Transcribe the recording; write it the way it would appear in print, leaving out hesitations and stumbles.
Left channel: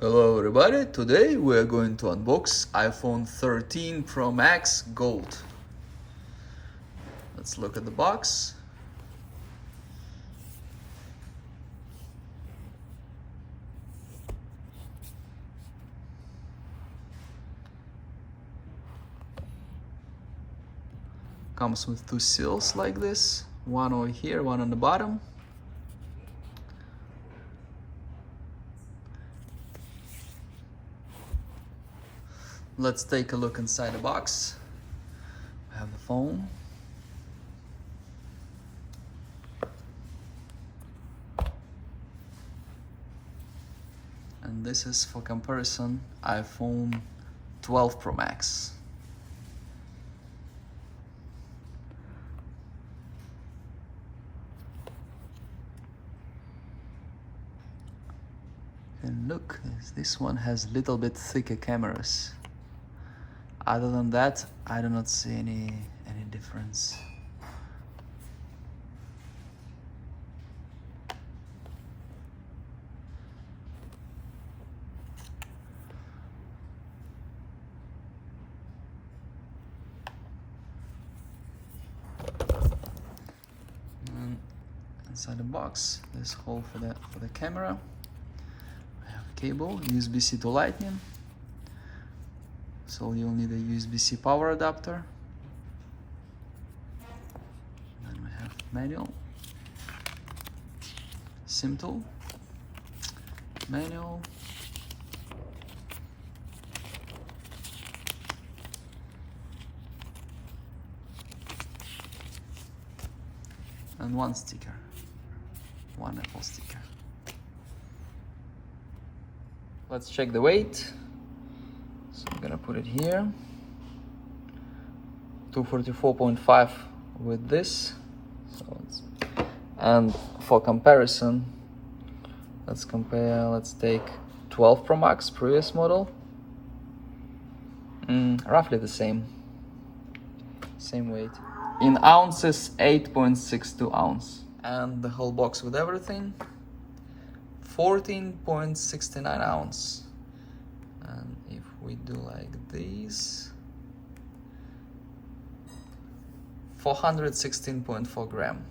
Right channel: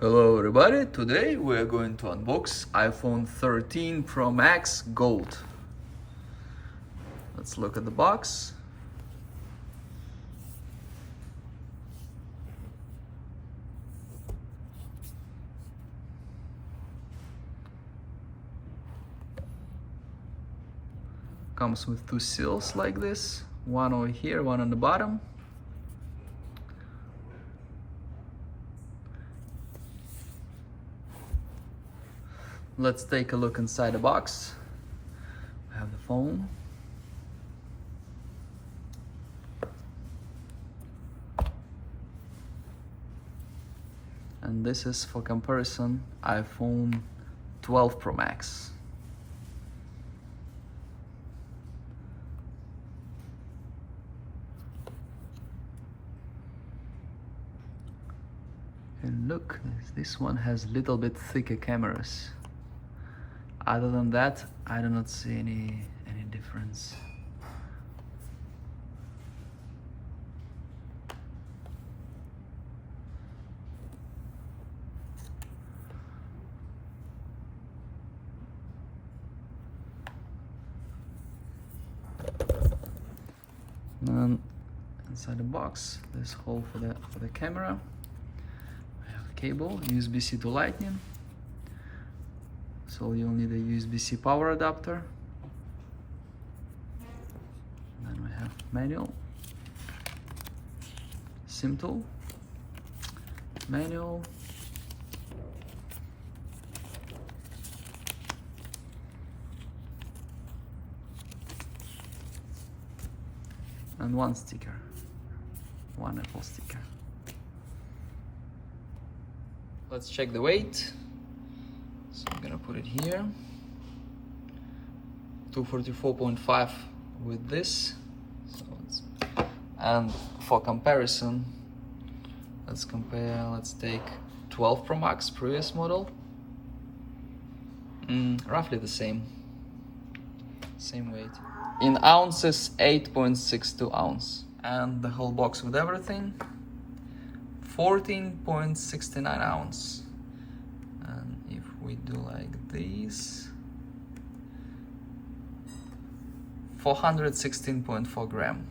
Hello everybody, today we are going to unbox iPhone 13 Pro Max Gold. Let's look at the box. Comes with two seals like this, one over here, one on the bottom. Let's take a look inside the box. I have the phone. And this is, for comparison, iPhone 12 Pro Max. And look, this one has little bit thicker cameras. Other than that, I do not see any difference. And inside the box, there's a hole for the camera. I have a cable, USB-C to Lightning. So you'll need a USB-C power adapter. Then we have manual, SIM tool, manual, and one sticker, one Apple sticker. Let's check the weight. So I'm gonna put it here. 244.5 with this. And for comparison, let's take 12 Pro Max, previous model. Roughly the same weight. In ounces, 8.62 ounce. And the whole box with everything, 14.69 ounce. And if we do like this, 416.4 gram.